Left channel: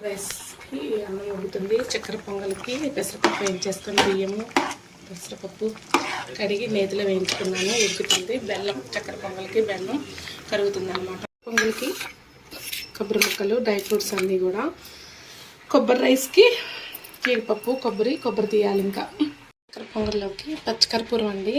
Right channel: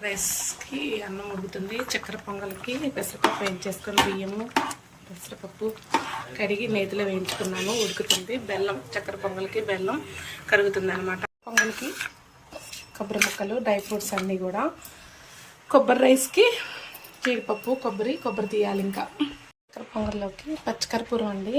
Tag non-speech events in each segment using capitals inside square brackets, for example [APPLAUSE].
రైస్కి అన్నం ఉడుకుతుంది చక్కెర పొంగల్కి పెసరపప్పు వేయించేస్తాను బియ్యము పెసరపప్పు కడిగి నేతిలో వేయించుకున్నాను ఉడుకుతుంది. బెల్లం చక్కెర పొంగల్కి బెల్లం కరుగుతుంది అనమాట పొంగల్కి కొబ్బరి ముక్కలు డ్రై ఫ్రూట్స్ అన్నీ కూడా. కొబ్బరి రైస్కి జీడిపప్పు కొబ్బరి కొబ్బరి తీయాలి ఇంకా. చక్కెర పొంగల్లోకి పచ్చికర్పూరం అండి.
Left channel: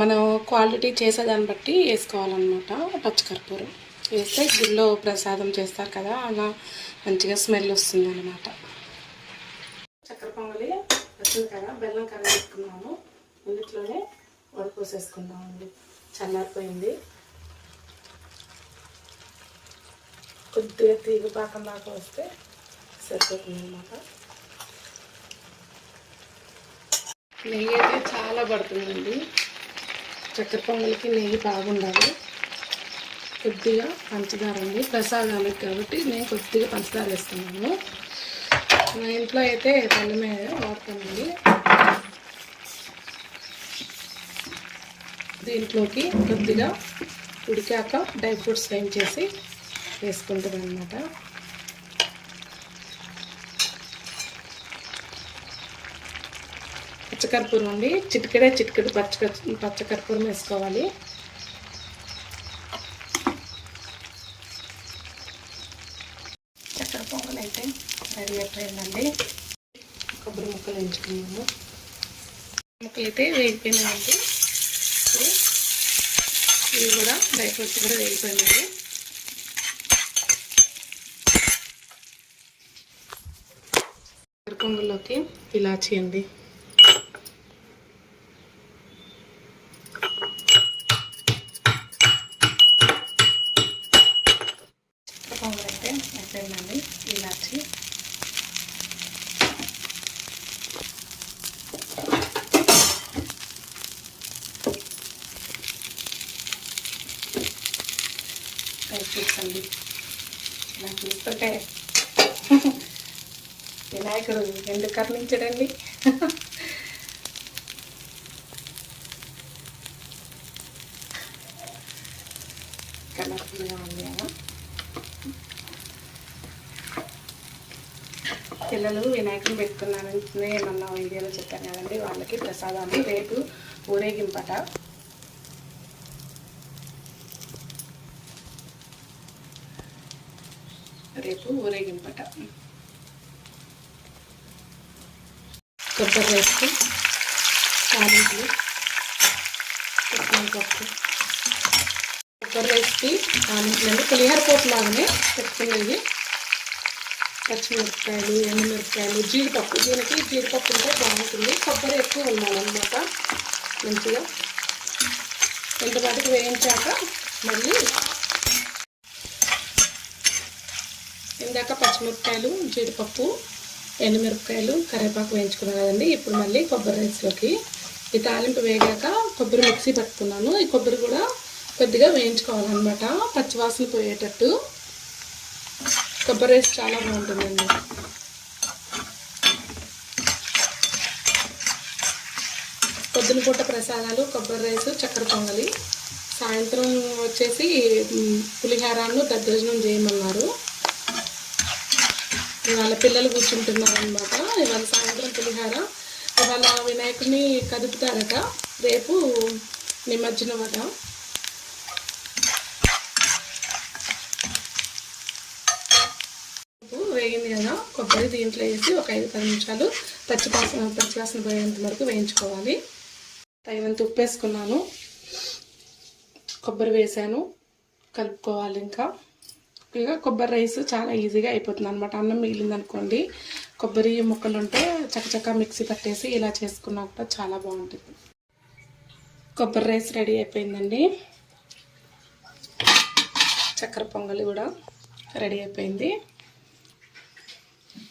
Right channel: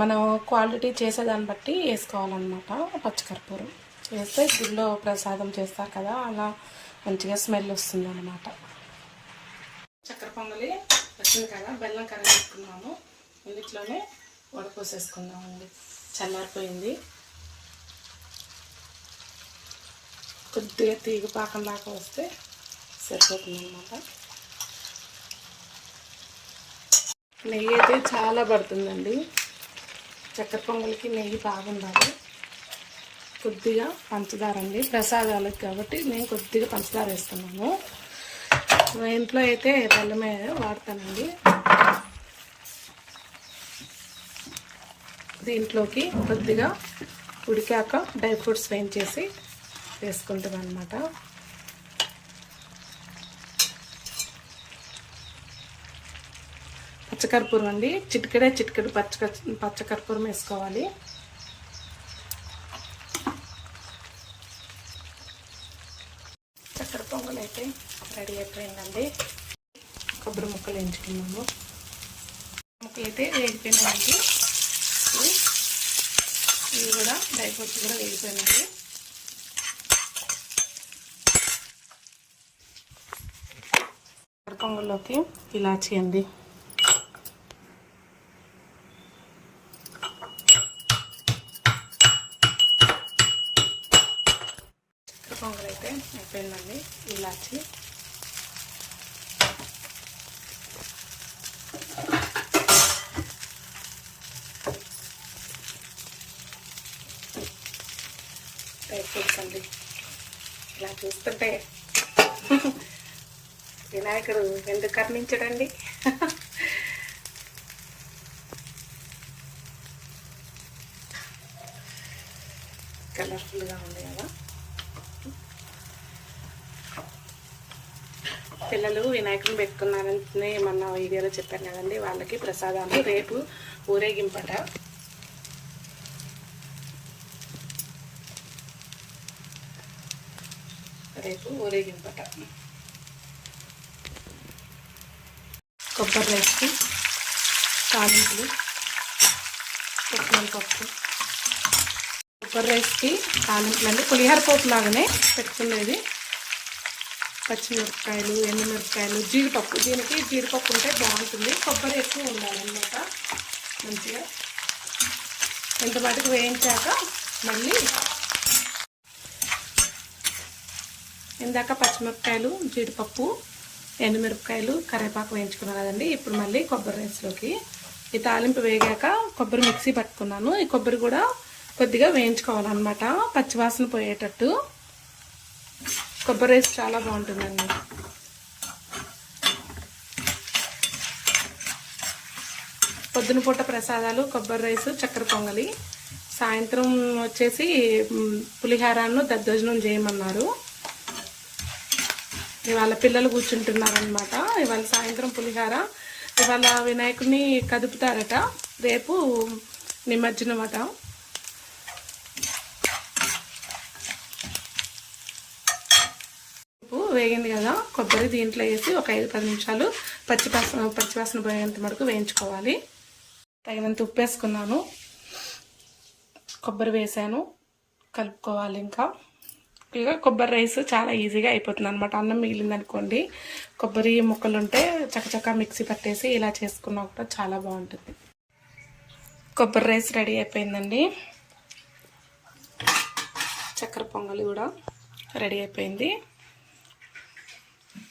మనం క్వాలిటీ చేసేదాన్ని బట్టి వేసుకోవాలన్నమాట పచ్చికర్పూరం వేస్తే గుళ్ళో ప్రసాదం చేస్తారు కదా అలా మంచిగా స్మెల్ వస్తుంది అనమాట చక్కెర పొంగలి వచ్చింది కదా బెల్లం కరిగేసుకున్నాము ఇందులోనే వడపోసేసుకున్నామండి. చల్లారిపోయింది. కొద్దిగా తీగు పాకం దాకా వస్తే సరిపోతుంది అనమాట నెయ్యి అయితే చాలా పడుతుందండి. చక్కెర పొంగలికి నెయ్యి బాగుండాలి. కొద్దిగా పంచదార అండి. ప్రసాదాలకు కాబట్టి నేను కొద్దిగా పంచదార వేస్తున్నాను. మా ఇంట్లో అయితే బెల్లమే వాడతానండి. దీంట్లోకి కొద్దిగా ఉడికాక డ్రై ఫ్రూట్స్ వేయించేసి వేసుకుంటాం అనమాట పచ్చకర్పూరం అండి. చిటికెడే చిటికెడు పచ్చ పచ్చకర్పూరం వేసుకోవాలి చక్కెర పొంగల్ అయితే రెడీ అయిపోయిందండి. కొబ్బరి ముక్కలు వేయించుకున్నాము ముక్కలు అయితే వేగిపోయినాయండి ఇవి కూడా డ్రై ఫ్రూట్స్ కూడా వేగిపోయినాయి. చక్కెర పొంగల్లోకి ఇలాచీ అండి చక్కెర పొంగల్ అయితే అయిపోయిందండి ఇలాచి డ్రై ఫ్రూట్స్ అండి ఇలా చూస్తుంటే వినాయకుడు ఎందుకు కర్ణించడండి? కలర్ఫుల్గా ఉంది కదా. పిల్లలు వినాయకుని పెట్టుకున్నారని ఏమన్నా వీడియోలో చెప్పాను కదండి వాళ్ళకి ప్రసాదాలు రేపు ఊరేగింపట. రేపు ఊరేగింపట. కొబ్బరి రైస్కి తాలింపులు పెట్టిన పప్పు. కొబ్బరి రైస్కి తాలింపులు అండి పులిహోర పోపు లాగానే పెట్టుకునేది. పచ్చిమిరపకాయలు ఎండుమిరపకాయలు జీడిపప్పు. దీనికి జీడిపప్పు ఉంటే బాగుంటుంది. కొబ్బరి ఎక్కువ ఉండాలన్నమాట. మంచిగా ఎంత మటుకు వేయించాక మళ్ళీ ఇందాక పచ్చిమిరపకాయలు జీడిపప్పు ఎండుమిరపకాయలు కరివేపాకు వేయించుకున్నాను కదండి. ఇప్పుడు మళ్ళీ కొబ్బరి రైస్లోకి ఈ తాలింపు వేగాక కొబ్బరి మిక్సీ పట్టుకున్నాను. ఈ కొబ్బరి కూడా కొద్దిగా వేయించుకోవాలన్నమాట. పచ్చివాసన పోయేటట్టు. కొబ్బరి రైస్ చాలా బాగుంటుందండి. పొద్దున పూట ప్రసాదాలు కొబ్బరి రైస్ చక్కెర పొంగలి. సాయంత్రం వచ్చేసి మ్, దద్దోజనం చేయమన్నారు. ఇవాళ పిల్లలు కూర్చుంటున్నారనమాట ఇవాళ సాయంత్రం పులిహార. ఇవాళ వినాయకుడిని కదుపుతారట. రేపు నిమజ్జనం అట వేగింది కదా కొబ్బరి దీంట్లో వేసి ఒక ఐదు పది నిమిషాలు పచ్చివాసన పచ్చివాసన పోయేంత వరకు వేయించుకోవాలి. తగినంత ఉప్పు వేసుకున్నాను. కొబ్బరి వేసాను. కలుపుకోవాలి ఇంకా. ఇక కొబ్బరి రైస్ చాలా ఈజీగా అయిపోతుంది అనమాట అన్నం మిగిలింది అనుకోండి కొబ్బరి ముక్కలు ఉంటే చకచకా మిక్సీ పట్టేసి ఇలా చేసుకున్నా కూడా చాలా బాగుంటుంది. కొబ్బరి రైస్ రెడీ అయిపోయిందండి. చక్కెర పొంగలి కూడా రెడీ అయిపోయింది.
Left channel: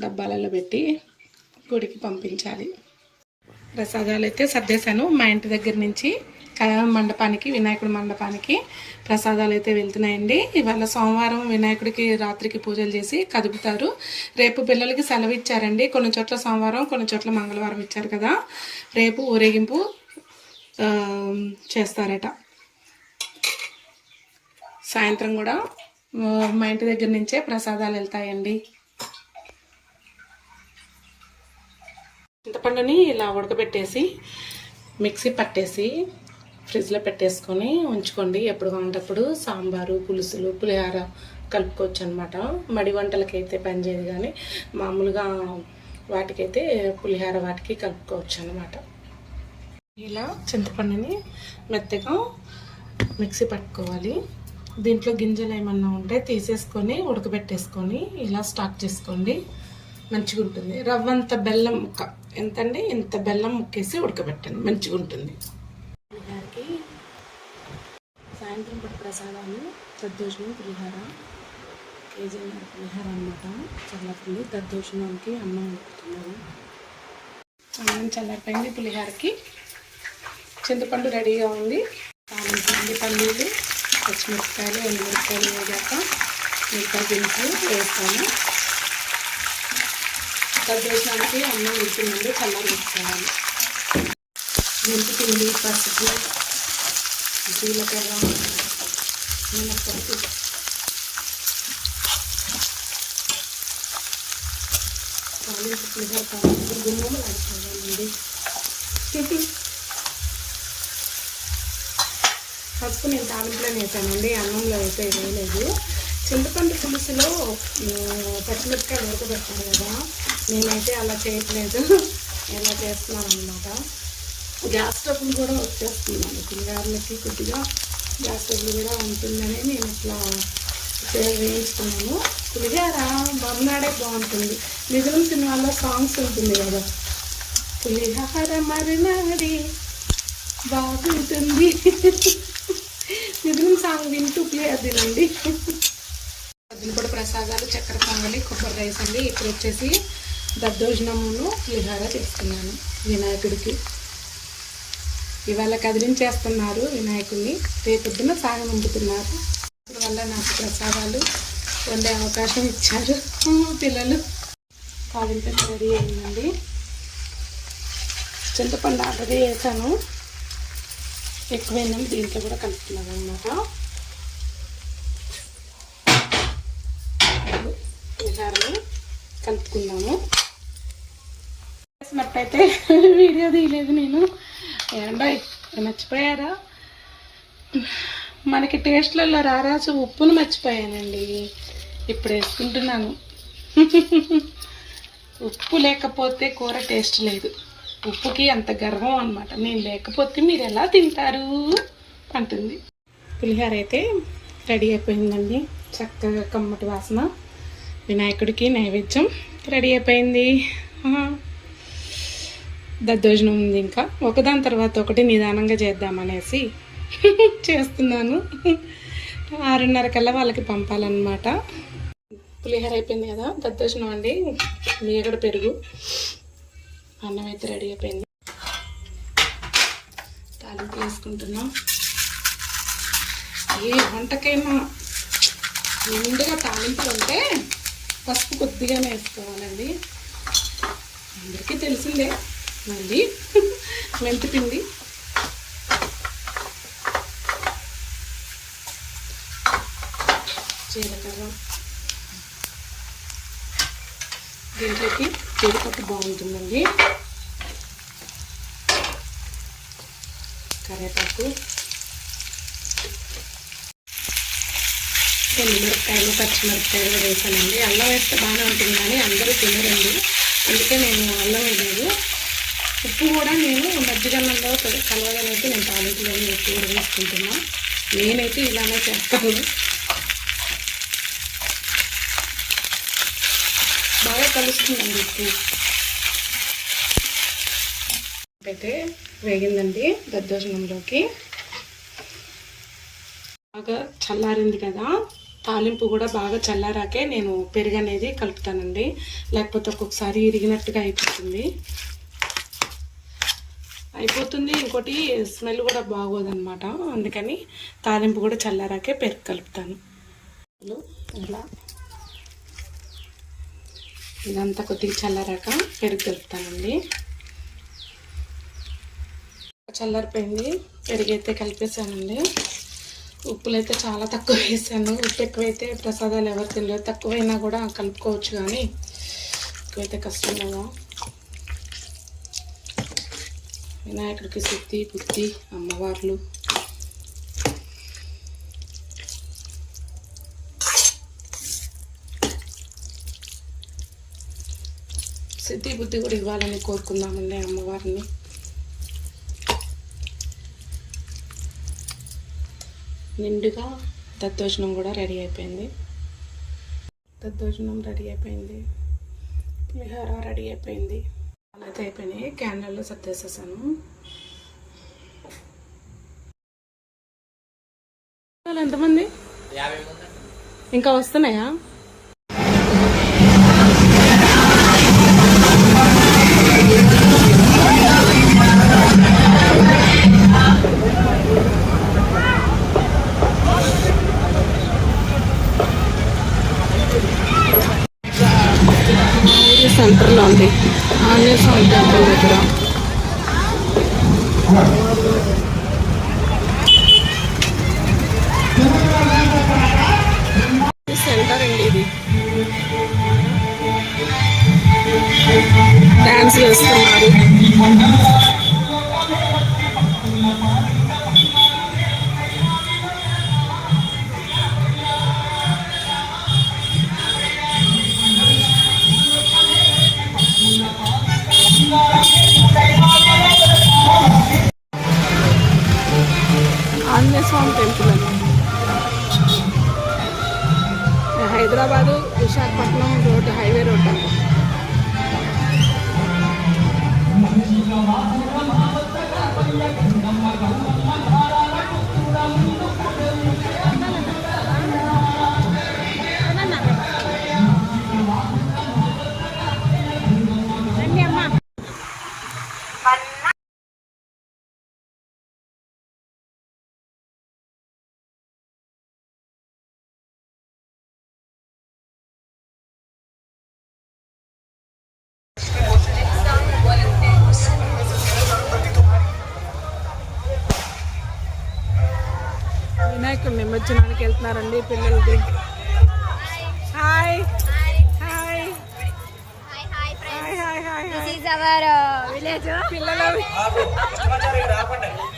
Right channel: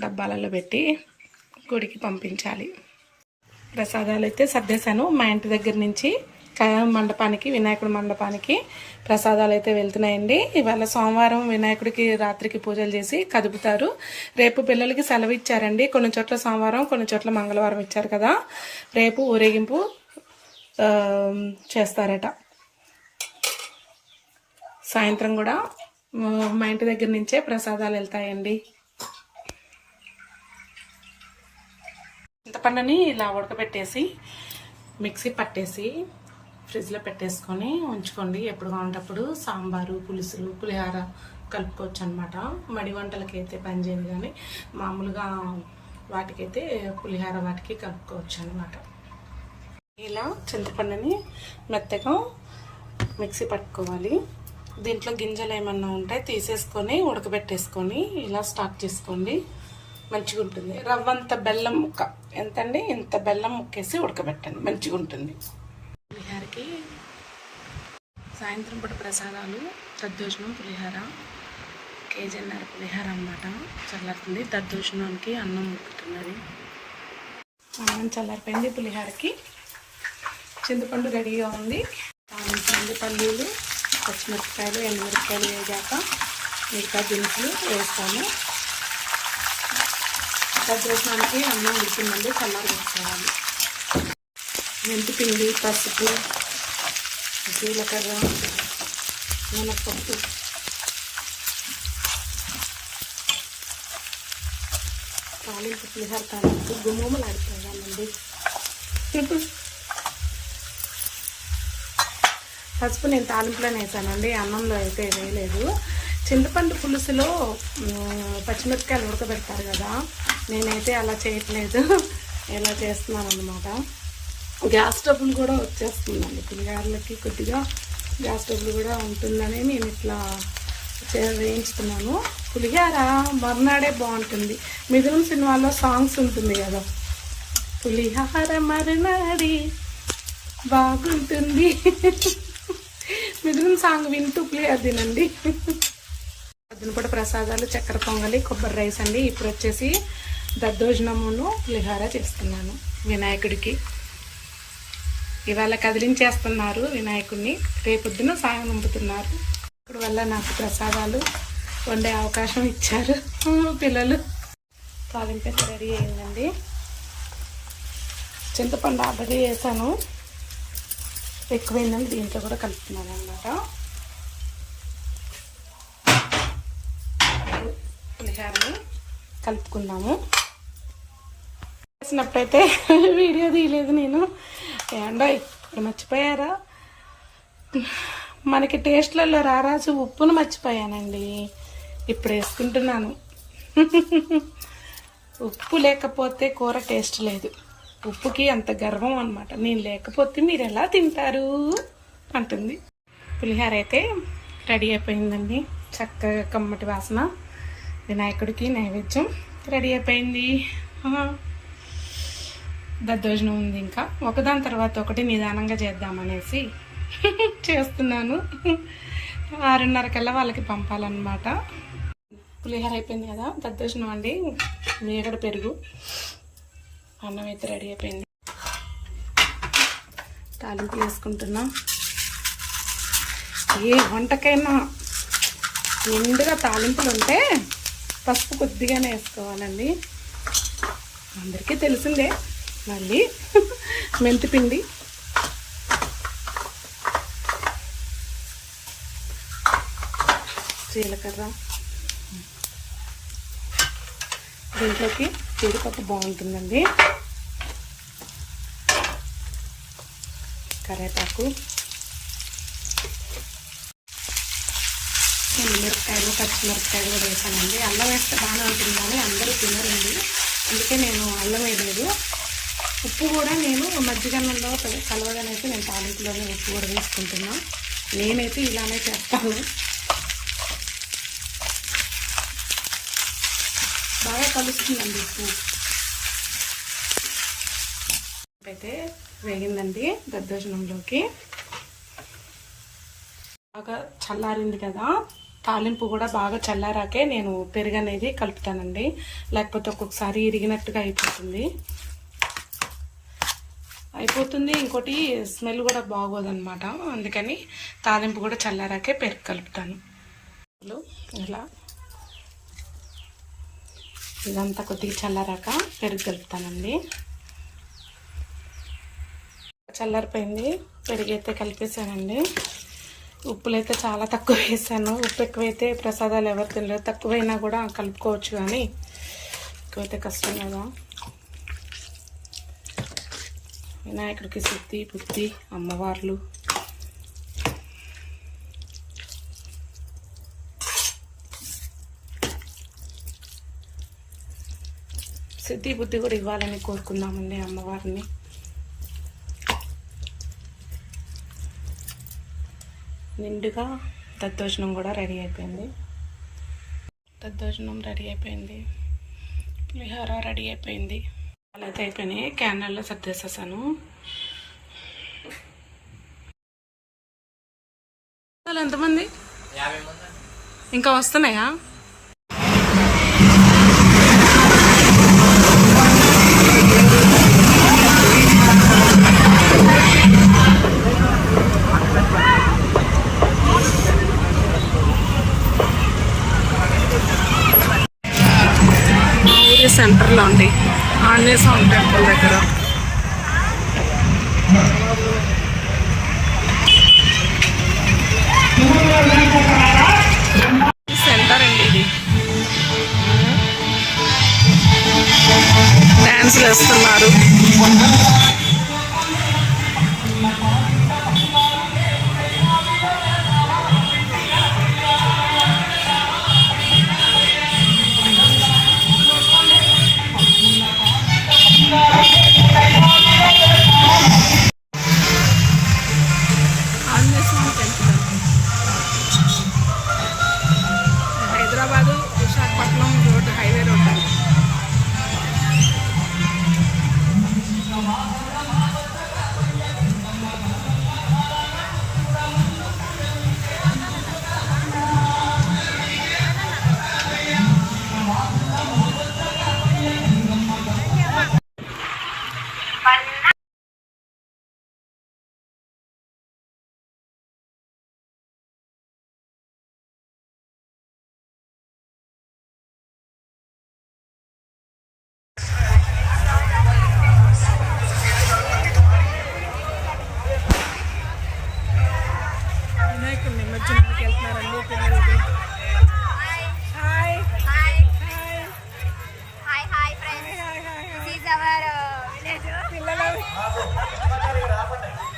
డబ్బాలలో పెట్టి గుడికి పంపించాలి. ప్రసాదాలు అయితే సర్దేశాను. మా ఇంటి దగ్గర నుంచి క- మండపానికి వినాయకుడి మండపానికి ప్రసాదాలు అయితే వెళ్తున్నాయండి. ఇవాళ సోమవారం వినాయకుడికి రాత్రికి పూజలు చేసి కదుపుతారు. రేపు పిల్లలకి సెలవు ఇచ్చారండి. కొన్ని చోట్ల సోమవారం కొన్ని చోట్ల మంగళవారం ఇచ్చారు కదా. రేపు ఊరేగింపు చేస్తారట. సాయంత్రం కూడా మా ఇంటి దగ్గర నుంచే ప్రసాదాలు వెళ్తాయండి. చింతపండుని ఇలా ఉడకబెట్టేసి మిక్సీ పట్టేసి ఫ్రిడ్జ్లో పెట్టేసుకొని ఉంచుకోండి. ఎప్పుడు కావాలంటప్పుడు సాంబారు పులుసులు పులిహార కలుపుకోవచ్చు అనమాట మడి వంటలకి అయితే పనిచేయదు కానీ మామూలుగా వాటికైతే పులిహార వాటికి కలుపుకోవచ్చు అనమాట ఇలా చింతపండుని మెత్తగా మిక్సీ పట్టుకోవాలి. దీంట్లో గింజలు ఏమన్నా ఉంటే తీసేసుకొని ఉడకబెట్టేసుకొని ఇలా స్టాక్ చేసుకోండి. మంచిగా ఉంటుంది. రవ్వంత బెల్లం ముక్క. ఎంతండి? ఇంత బెల్లం ముక్కేసి ఉడకబెట్టండి. మంచిగా ఉంటుంది. సాయంత్రం పూట ప్రసాదాలు దద్దోజనం పులిహార కేజీన్నర పులిహార అనమాట చల్లారుతుంది దద్దోజనానికి అన్నం ఉడుకుతున్నది అన్నం చల్లారిపోయింది పులిహారకి. చింతపండు రెడీగా ఉంది. తాలింపు పల్లీలు పచ్చిమిరపకాయలు ఎండుమిరపకాయలు వేగాక మిగతా దినుసులు వేస్తాను దద్దోజనానికి అన్నం ఉడికిందండి. చల్లారి పెట్టుకోవాలి. మెంతిపిండి పసుపు జీలకర్ర మినపప్పు తాలింపు పులిహార తాలింపు గుమ్మములు ఆడుకోవాలండి పసుపు నేను తాలింపులోనే వేసానండి అన్నంలో అయితే వేయలేదు చింతపండు పులుసులో పచ్చిమిరపకాయలు ఉడకబెడతారు కదా నేనైతే అలా చేయట్లేదు. [LAUGHS] ఇలా చేస్తున్నాను అనమాట గ్యాస్ స్టవ్లు కూడా వచ్చేస్తున్నాయి పిల్లగారులకి కొద్దిగా గ్యాస్ స్టవ్లు కూడా ఉంటుందని నేను ఇట్లా చే- వేయించుకున్నాను. పులిహార మర్నాడే బాగుంటుంది. మిగిలిన సినిమాల్లో సాంగ్స్ ఉంటుంది కదా. పులిహార మరినాడి బాగుంటుంది. మిగిలిన సాంగ్ వింటూ ప్లే తినండి. పొద్దున కూడా ప్రసాదాలు చక్కెర పొంగలి కొబ్బరి రైస్ అండి. ఇప్పుడు వచ్చేసి దద్దోజనమును పులిహార చేస్తున్నాను వినాయకుడికి. ఇవాళ కదిలించేస్తున్నారు వినాయకుడిని రేపొద్దున సాగ నింపుతున్నారు ఇప్పుడు వల్ల నాకు ప్రసాదాలు వండే అవకాశం ఇచ్చారు పిల్లలు. తాలింపు రెడీ అయిందండి. చింతపండు ఆల్రెడీ వేసాను. ఎక్కువైందని దీంట్లో కూడా కలుపుతున్నాను అనమాట పులిహారని కలుపుకుందాము. చేసినప్పుడైతే [LAUGHS] వీడియో తీయలేదు నేను. ఏండో ఇప్పుడు మర్చిపోయారా? మనకి టేస్ట్లలో రారాజు ఉప్పును మర్చిపోయానండి. ఇప్పుడు వేసుకుంటున్నాను. ఉప్పు లేకపోతే కూర టేస్ట్ లేదు. ఉప్పుకి అంత గర్వం అనమాట నేను లేకపోతే మీరు ఎలా తింటారు? అంటుంది. పులిహార అయితే రెడీ అయిపోయిందండి. చక్కగా కమ్మటి వాసన. వినాయకుడికి నైవేద్యం రెడీ అయిపోయింది. దద్దోజనం ఉంది ఇంకా. ఒకదాని తర్వాత ఒకటి నిదానంగా చేద్దామనేసి [LAUGHS] చేస్తున్నాను. ఆరున్నర కల్లా వాళ్ళకి పంపాలన్నమాట. పులిహోర అయిపోయింది కదా దద్దోజనం అండి. మీగడ పెరుగు. అన్నం అయితే రెడీ అయిపోయింది. తాలింపు వేసుకుంటున్నాం. ఏ వంటకైనా నిండుగా తాలింపులు ఉంటే పసుపు కొద్దిగానే వేసుకోవాలండి. అందరికీ తెలిసిందే. మళ్ళీ మెంతి పిండి జీలకర్ర. దీంట్లోకి జీడిపప్పు బాగుంటుందండి. కరేపాకు ఎండుమిరపకాయలు పచ్చిమిరపకాయలు వేసానండి. అల్లం వేస్తే బాగానే ఉంటుంది కానీ అందరూ తినరండి. అందుకే నేను అల్లం వేయలేదు. ఉప్పు కూడా నేను మజ్జిగన్నంలో కలవగానైతే నేను తాలింపులోనే ఉప్పు కూడా వేసుకుంటున్నా. నేనైతే ఇలానే చేస్తాను. బాగా కలుస్తుందండి ఉప్పు. అయితే వేగిందండి దద్దోజనంలోకి. బాగా చల్లారింది కదా. తాలింపు కూడా బాగా చల్లారాకే నేను పెరుగు అనేది కలుపుతానండి. లేకపోతే ఒక్కొక్కసారి ఇరిగినట్టుగా అయిపోతుంది. అయిపోతుంది. ఇంకోటి స్మెల్ కూడా బాగోదన్నమాట. అందుకని తాలింపు కూడా చల్లారాకే పెరుగు కలుపుతాను. ఇలా ఇదంతా కొద్దిగా చల్లారాక పెరుగు కలుపుతానండి. చల్లారిపోయింది. పెరుగు అయితే కలిపేసానండి ఉప్పులు అయితే చాలా తక్కువ వేసాను. ఉప్పు ఎక్కువైతే ప్రసాదాలు ఎవరు తినలేదు. తక్కువైనా కూడా కలుపుకోవచ్చు కానీ ఎక్కువైతే కష్టం కదా. వినాయకుడికి శుద్ధి బుద్ధి అమ్మవార్లు. సిద్ధి బుద్ధి కూడా ఇవ్వాలని కోరుకుందామండి అమ్మవారిని. నిండుగా దద్దోజనం కూడా రెడీ అయిపోయింది. దద్దోజనం రెడీ అయిపోయింది. పులిహోర రెడీ అయిపోయింది. అలా అయితే అయిపోయినాయి క్యానల్లో సర్దేసేసాను ఎంతమంది? ఇంకా వస్తున్నాయా? మా ఊరి సెంటర్లో ఉంది ఆంజనేయ స్వామి టెంపుల్ దగ్గర. సెంటర్ అండి ఇది. డ్యాన్స్ వేస్తున్నారు. నిమజ్జనానికి వెళ్తున్నారండి పిల్లలకి. హాయ్. హాయ్. Uh. పిల్లల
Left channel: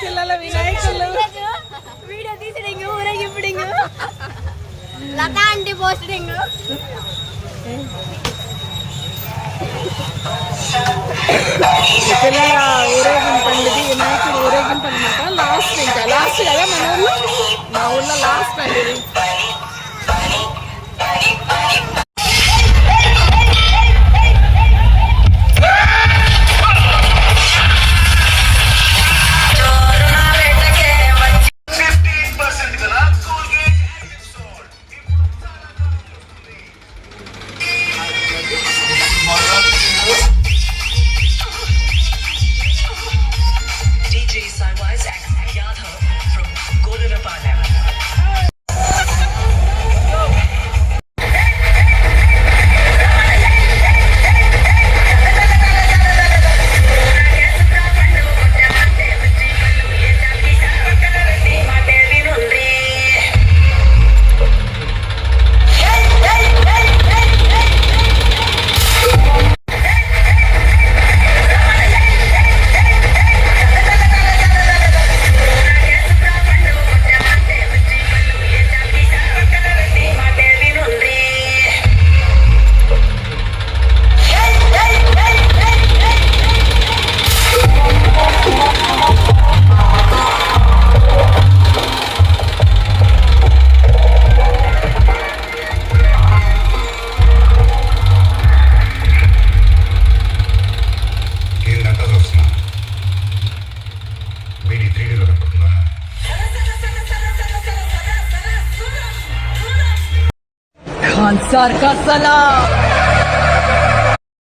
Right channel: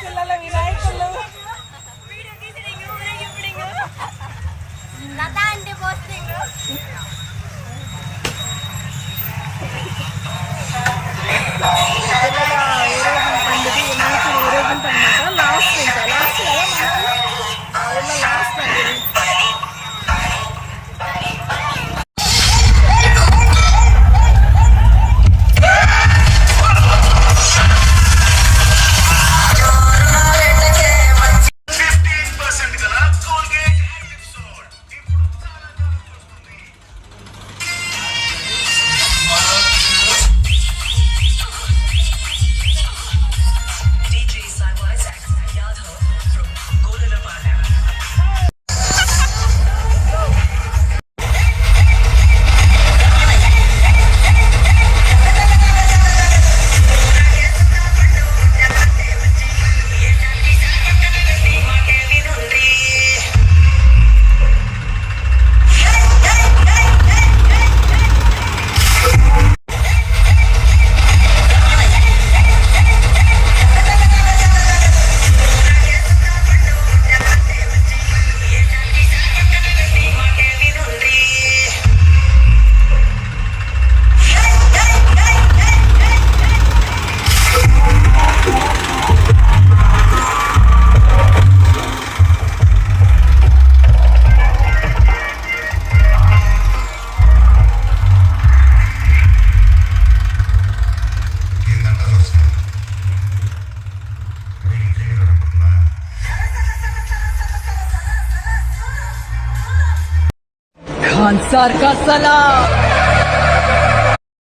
పిల్లల వినాయకులు. పిల్లల ఊరేగింపు ఇది వినాయకుడు ఊరేగింపు అనమాట లాస్ట్ ఇంకా లాస్ట్ కదా మన ఊర్లో మా ఊర్లో அன்சார் கசலா